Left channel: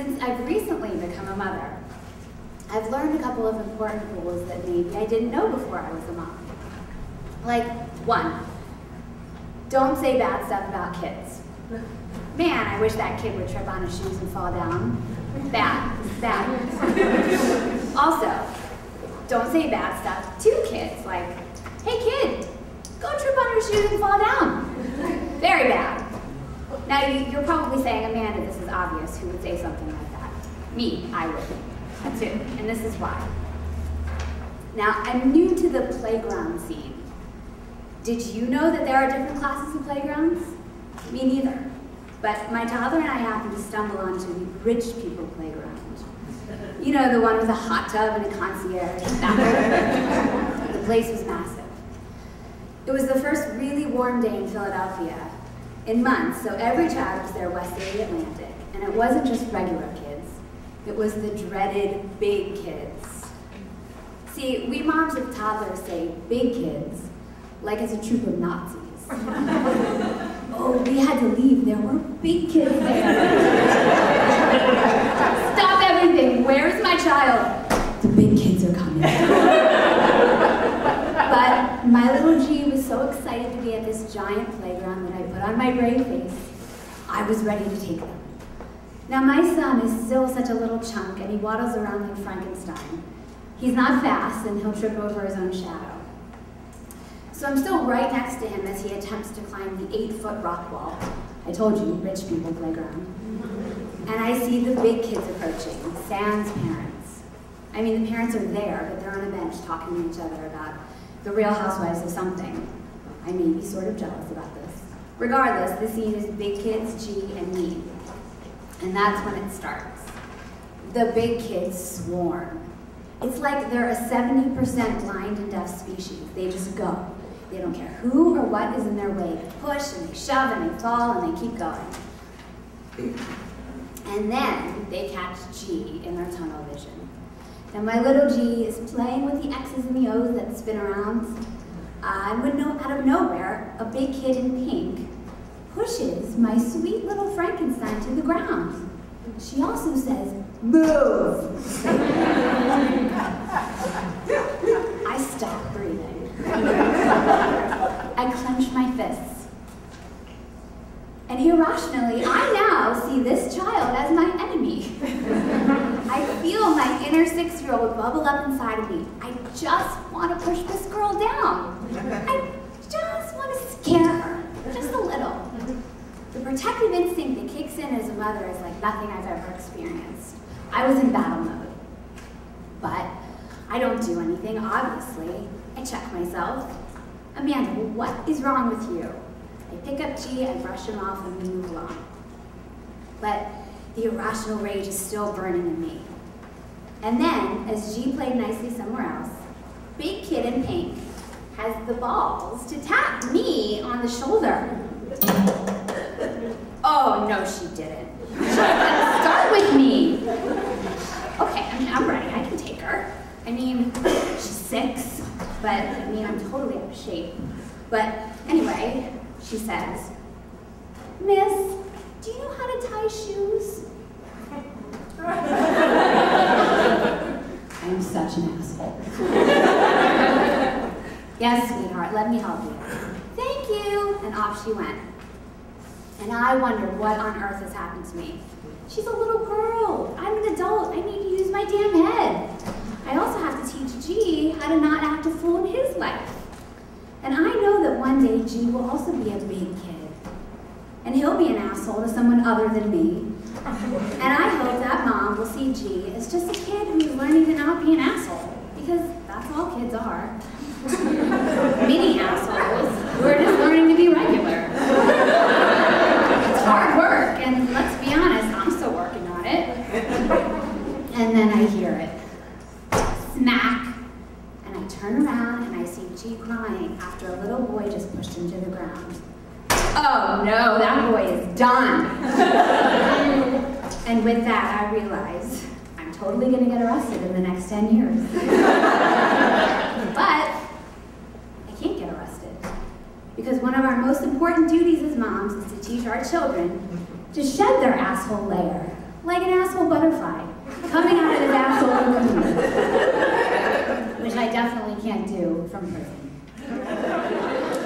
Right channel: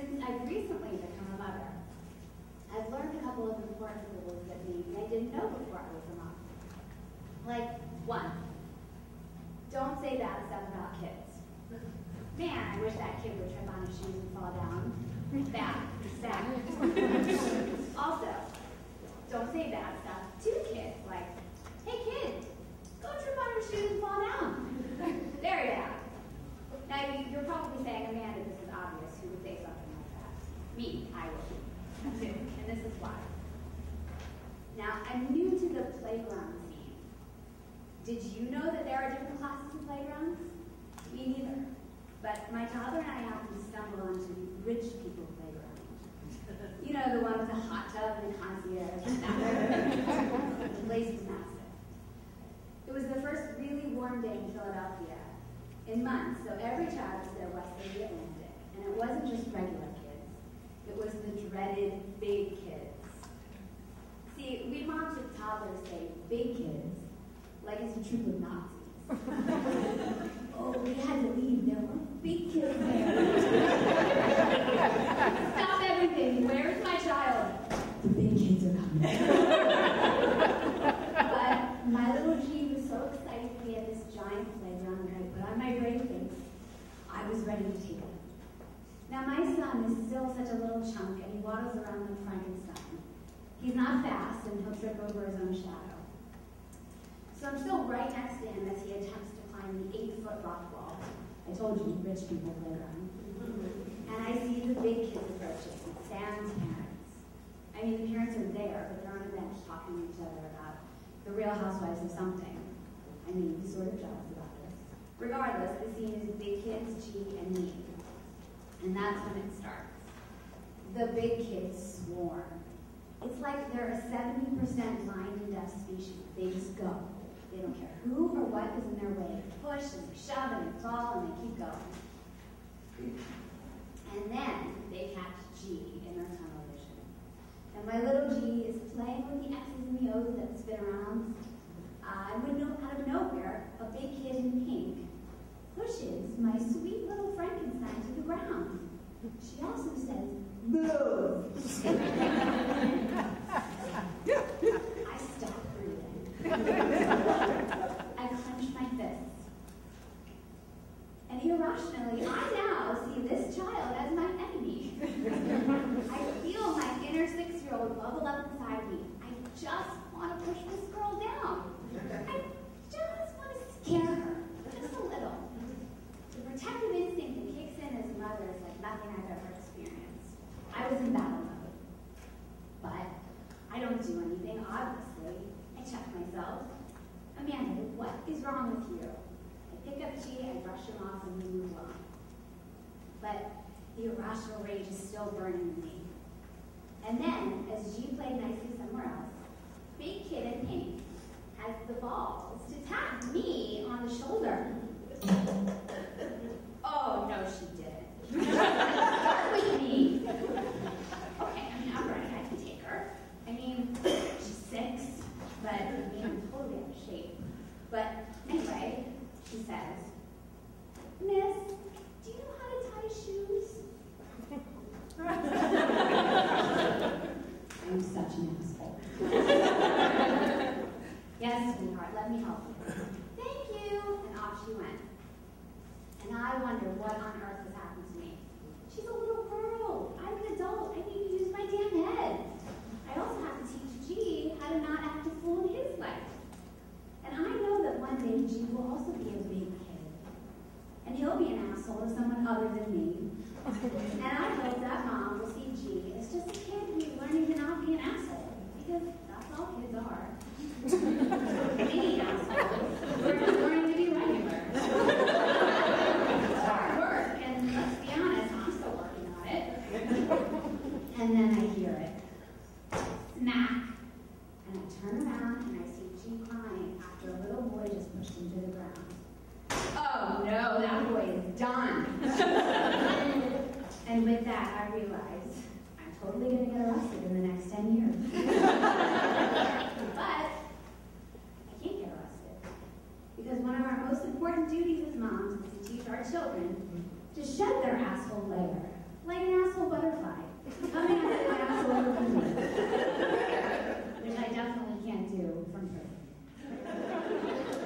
Since I've recently become a mother, I've learned a couple of important rules that maybe I didn't know before I was a mom. Like, 1, don't say bad stuff about kids. Man, I wish that kid would trip on his shoes and fall down. Bad. Also, don't say bad stuff to kids, like, hey kid, go trip on your shoes and fall down. Very bad. Now, you're probably saying, Amanda, this is obvious. Who would say something like that? Me, I would. That's it, and this is why. Now, I'm new to the playground scene. Did you know that there are different classes of playgrounds? Me neither. But my toddler and I happened to stumble onto the rich people playground. You know, the one with a hot tub and a concierge. The place was massive. It was the first really warm day in Philadelphia in months, so every child was there west of the Atlantic. And it wasn't just regular kids. It was the dreaded big kids. See, we moms with toddlers say big kids like it's a troop of Nazis. Oh, we had to leave. There were big kids there. Stop everything. Where's my child? The big kids are coming. But my little G was so excited to be at this giant playground that I put on my brave face. I was ready to take them. Now, my son is still such a little chunk, and he waddles around like Frankenstein. He's not fast, and he'll trip over his own shadow. So I'm still right next to him as he attempts to climb the 8-foot rock wall. I told you, rich people playground. And I see the big kids approaching, Sam's parents. I mean, the parents are there, but they're on a bench talking to each other about the Real Housewives of something. I may be sort of jealous about this. Regardless, the scene is big kids, G, and me. And that's when it starts. The big kids swarm. It's like they're a 70% blind and deaf species. They just go. They don't care who or what is in their way. They push and they shove and they fall and they keep going. And then they catch G in their tunnel vision. Now my little G is playing with the X's and the O's that spin around. And when out of nowhere, a big kid in pink pushes my sweet little Frankenstein to the ground. She also says, move! I stop breathing. I clench my fists. And irrationally, I now see this child as my enemy. I feel my inner 6-year-old bubble up inside of me. I just want to push this girl down. I just want to scare her, just a little. The protective instinct that kicks in as a mother is like nothing I've ever experienced. I was in battle mode. But I don't do anything, obviously. I check myself. Amanda, what is wrong with you? I pick up G, I brush him off, and we move along. But the irrational rage is still burning in me. And then, as G played nicely somewhere else, big kid in pink has the balls to tap me on the shoulder. Oh, no, she didn't. She didn't start with me. Okay, I'm ready. I can take her. I mean, she's 6, but I mean, I'm totally out of shape. But anyway, she says, Miss, do you know how to tie shoes? I'm such an asshole. Yes, sweetheart, let me help you. Thank you. And off she went. And I wondered what on earth has happened to me. She's a little girl. I'm an adult. I need to use my damn head. I also have to teach G how to not act a fool in his life. And I know that one day G will also be a big kid. And he'll be an asshole to someone other than me. And I hope that mom will see G as just a kid who's learning to not be an asshole. Because that's all kids are. Mini assholes who are just learning to be regular. It's hard work, and let's be honest, I'm still working on it. And then I hear it. Smack. And I turn around and I see G crying after a little boy just pushed him to the ground. Oh no, that boy is done. And with that, I realize I'm totally going to get arrested in the next 10 years. But I can't get arrested. Because one of our most important duties as moms is to teach our children to shed their asshole layer, like an asshole butterfly coming out of his asshole cocoon, which I definitely can't do from prison.